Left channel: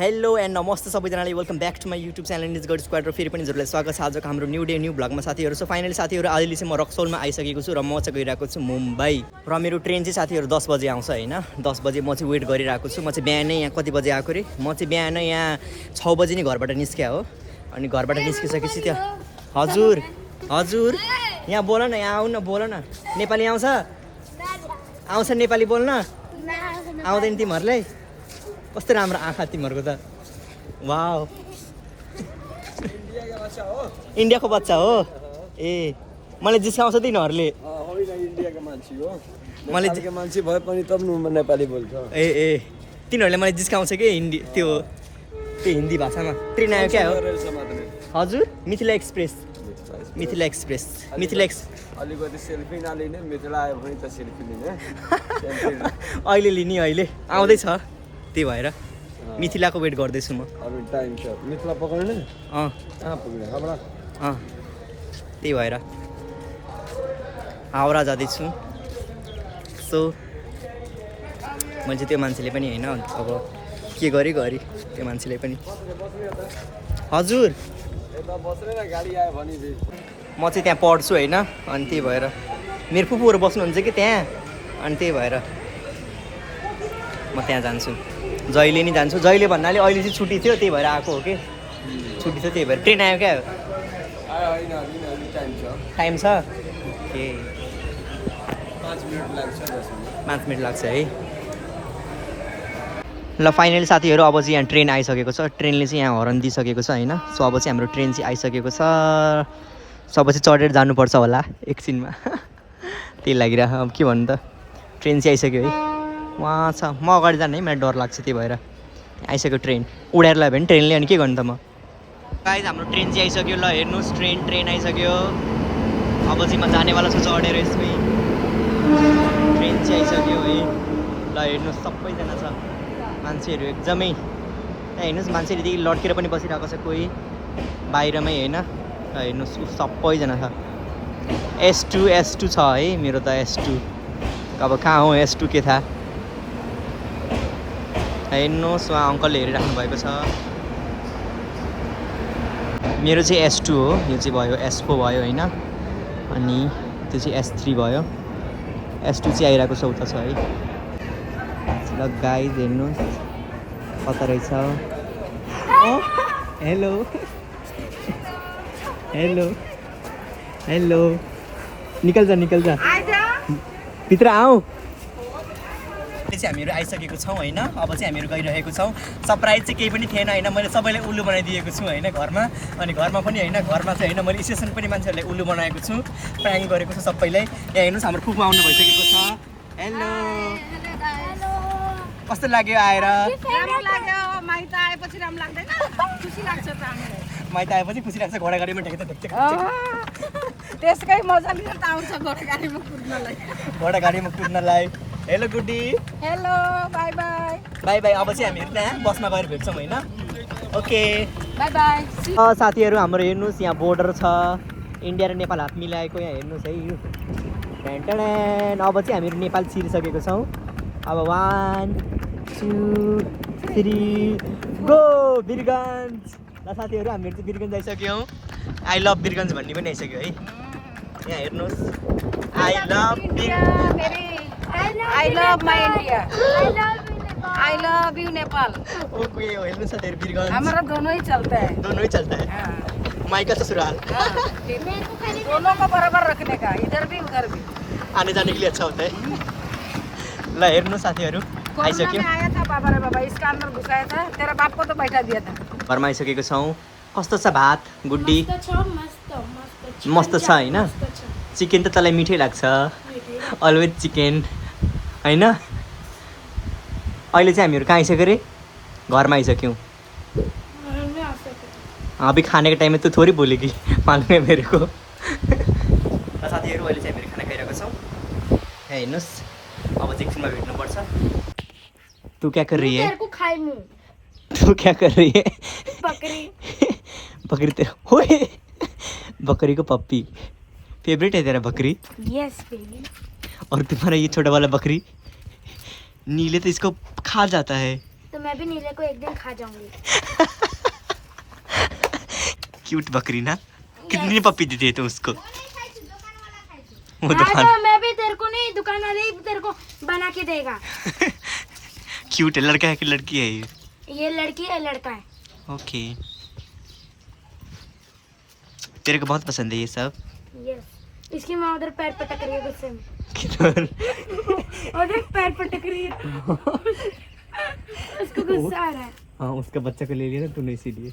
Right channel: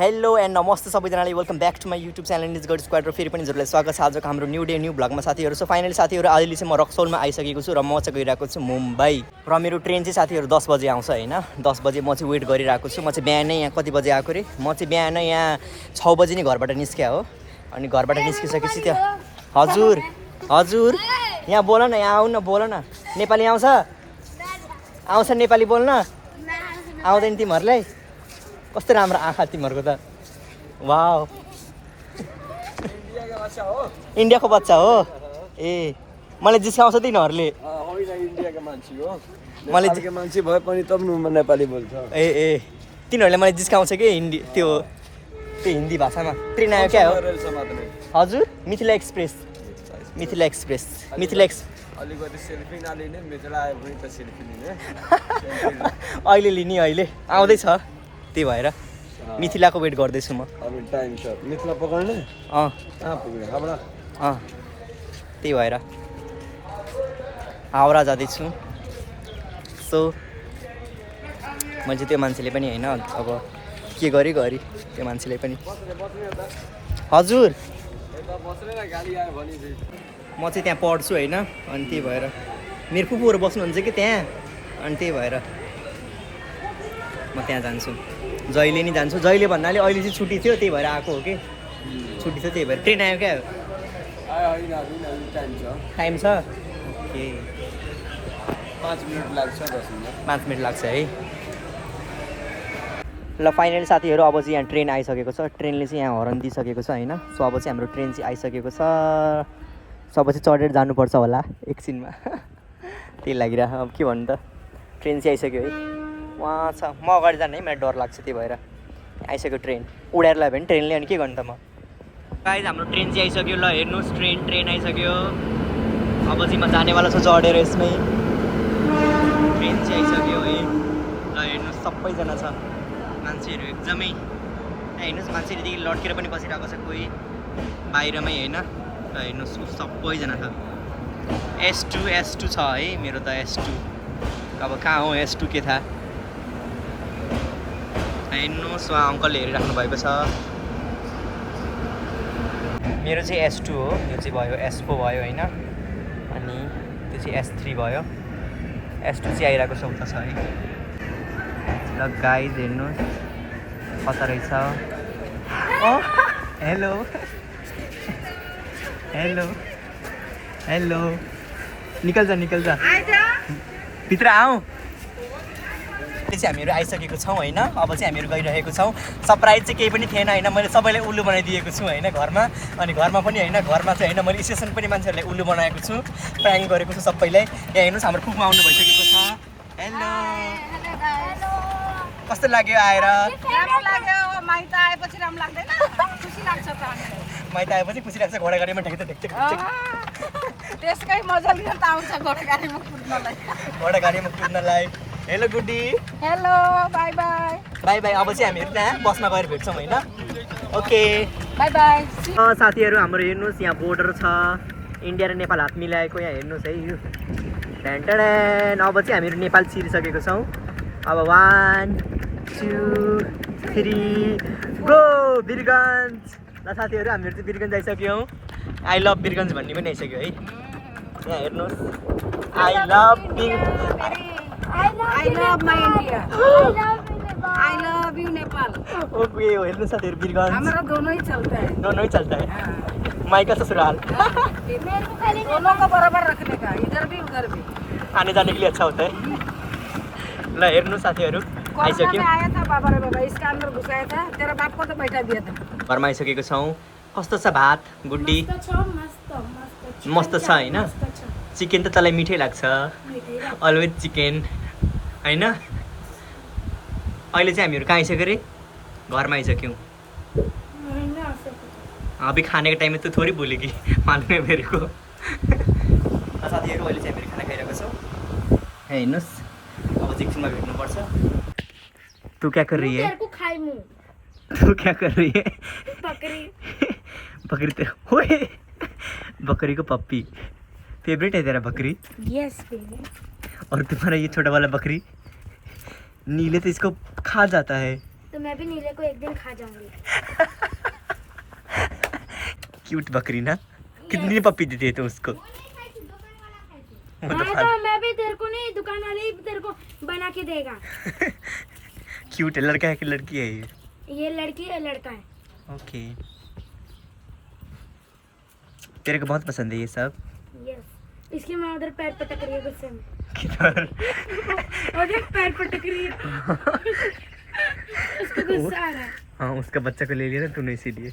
Hello and नमस्ते सबैजनालाई welcome back to my YouTube channel is God squad र फेरि पनि हजुरलाई स्वागत छ आजको हाम्रो न्यू डे न्यू भ्लगमा साथीहरू। सो फाइनली साथीहरू अहिले चाहिँ म रक्सौलमा आइसकेको छु र म चाहिँ गइरहेको छु मुम्बई र मेरो ट्रेन चाहिँ साथीहरू 10 बजे आउँछ होइन। 10 बजे म चाहिँ वेट गरिरहेको छु। म चाहिँ बिहानै यहाँ कति बजे आएको रे, म चाहिँ बिहानै यहाँ 6 बजे नै घरबाट निस्क्या हो। अनि घरबाट निस्किसकेपछि त्यो हजुर हजुर यहाँ बोल न, यहाँ आऊ न, बोल न। नेपाली आउँछ आउँछ नेपाली बोल्न आउँदैन तिमीहरूलाई? कस्तो राम्रो आँखा तिमीहरूको त, वाउ। इन्डियाको बच्चा हो ए, मलाई जिस्काउँछ तिनीहरूले। मैले मान्छे भए पनि त नेपाली बोल्छ ए ए तिनीहरूले मलाई जिस्काउँछ कि हिन्दी त्यो हिन्दी भाषामा। ट्रेन आयो क्या हो हजुर? मिथिला एक्सप्रेस, मिथिला एक्सप्रेस, मिथिला अलिकति सेल्फी नलिने, मिथिला आयो भने त सेल्फी लिने। अहिले लिने, अहिले आउँदैछ, त्यही भएर मिथिलाको वेट गर्दैछु म। टाइम छ मिथिला पकाउने त्यही भएर हावडा जाँदैछु। सो मैले चाहिँ त्यो मान्छेले पनि होइन अब के गरी त्यो मान्छेले पनि हजुर म चाहिँ त्यहाँ पढ्छु होइन। अनि त्यही भएर मेरो फुपूहरू बस्नुहुन्छ कि त्यहाँ, अनि त्यही भएर म त्यहाँ जान्छु। जहिले नि जान्छु, जहिले भन्नाले अहिले चाहिँ छुट्टी थियो त्यही भएर आएको हो कि। छुट्टी थियो त्यही भएर। ट्रेन आयो क्या? टाइम छ ओके, 5 मिनट लाग्छ है। ल फाइनली साथीहरू अब चाहिँ यहाँ ट्रेन आइसकेको छ। ट्रेनले चाहिँ यहाँ हर्न दिइसकेको छ होइन। सो अब चाहिँ हाम्रो ट्रेन चाहिँ आइसकेको छ। सो अब चाहिँ चढेर जानुपर्छ होला एकछिनमा। त्यही लागिरह, अब के भन्नु त, ट्रेन चाहिँ आइसक्यो है। वहाँ छ, म अगाडि जाने है, मलाई डर लाग्छ त्यही भएर। आइसक्यो ट्रेन, उडेर लाग्यो भने ट्रेनले, अनि के गर्नु त म। गाइस हाम्रो ट्रेन चाहिँ आइसक्यो। ल हेर्नुहोस्, ट्रेन आइसक्यो। अब चाहिँ म जानेवाला छु चढेर यसमै। ट्रेन चाहिँ आइसक्यो है। ल हेर्नुहोस् सबैजना छ मान्छेहरू एकदमै। यहाँ हेर्नुहोस् मान्छेहरू यदि लड्केर पनि बसिरहेको छ कोही बाहिरमै होइन। ल हेर्नुहोस् सबैजना छ। S2 छ है मेरो त S2। अब कहाँ हो S2 के थाहा। हेर्नुहोस् उहाँ अङ्कलले हेरिराख्नु भएको छ। मेरो चाहिँ S2 हो, यो चाहिँ भयो S4 भयो होइन। अनि त्यो चाहिँ S3 भयो। S2 चाहिँ आइरहेको छ, उता छ है। ल गाइज हेर्नुहोस् कता रहेछ। हेलो हेलो हेलो, निकल्छ भित्र आऊ। चाहिँ हामीहरू आइसकेको छौँ होइन। अब चाहिँ हामीहरू गइरहेको छौँ। सरप्राइज चाहिँ केही पनि थिएन होइन। मैले सबैलाई उल्लु बनाइदिएको छु होइन घरमा। अनि घरमा पनि होइन, घरमा चाहिँ होइन, मैले स्टेसन पनि मान्छेहरूलाई उल्लु बनाएको छु, प्राङ्क गरेको छु सबैलाई। यहाँ हेर्नुहोस् हाम्रो फुपू आउनु भइसकेको छ। हेलो कस्तो लाग्यो आएर? राम्रो लाग्यो। माइत आएपछि राम्रो लाग्दैन? खुसी लाग्छ त हामीले। माइत आएपछि खुसी लाग्छ। घोडागाडीमा ढेक्छ त्यसकै मजा लिएर त आउँछ घोडागाडीमा कुद्नलाई। Hello Guddi, hello bye bye. Bye bye. अब चाहिँ हामीहरू त्यहाँ बसमा गएर भेट्छौँ होइन। Okay bye bye. साथीहरू हाम्रो हेर्नुहोस् यहाँ बोर्डर छ, इन्डिया र नेपाल हात मिलाएको। यहाँ हेर्नुहोस् है यो टेन्टेन। अब चाहिँ हामीहरू नेपाल छिरिसकेको छौँ। अब 1 2 3 गो वीरगन्ज। ल साथीहरू हामीहरू चाहिँ वीरगन्ज आइसक्यौँ। आई लभ वीरगन्ज भन्ने पनि आइसक्यो है। यहाँ हेर्नुहोस्, I love my India, I love you Nepal. Okay हेर्नुहोस् साथीहरू वीरगन्ज। हमारा दोनों ही चलता है, दोनों ही चलता है। माई का ससुराल दोनों को बराबर रखने का, इधर भी उधर भी। आने जाने के लिए अच्छा होता है। ल हेर्नुहोस् साथीहरू आइसक्यो। आया था बाबा रे बाबा, इसका अंदर घुसाया था, तेरा बाप को तो बैठा दिया था। घरमा आइसकेको छौँ। कस्तो छ भात गुड्डी? मस्त छ होइन। चिकन त तँलाई मिठै लाग्छ, अलवेज चिकन होइन। अहिले चाहिँ हामीहरू कहाँ आइसक्यो रे? घरमा आइसक्यौँ। अभी खाने के टाइम में तो थोड़ी बोलेगी, मालूम है मेरे को। साथीहरू अहिले चाहिँ हामीहरू खाना खाइरहेको छौँ। यहाँ हेर्नुहोस् अब चाहिँ एकछिनमा भेट्नुपर्छ। तू क्या कर रही है? तू क्या कर रही है? बकरी तेरा ओए बकरी को पप्पी फेवरेट है तेरा बकरी? यस बेबी। और तुम्हारा ये छोटा वाला बकरी नीले तो इसको खा जाता है। तो मैं भी नीले को एक दिन खा जाऊंगी। क्यूट बकरी ना, कितनी पप्पी देती है तुम उसको? वो हाँ, दुकान तो मैं भी तेरे को नहीं, दुकान वाले ही तेरे को बना के देगा। क्यूट है, लड़का है कि लड़की है ये लड़की है लड़का है? ओके, तेरे को बहुत पसंद है ये सब? यस। इसकी माँ उधर पैर पटक रही है गुस्से में। किधर? उधर पैर पटक रही है। उसको गुस्सा आ रहा है। हाँ, उसका बच्चा को ले लिया ना तूने, इसीलिए।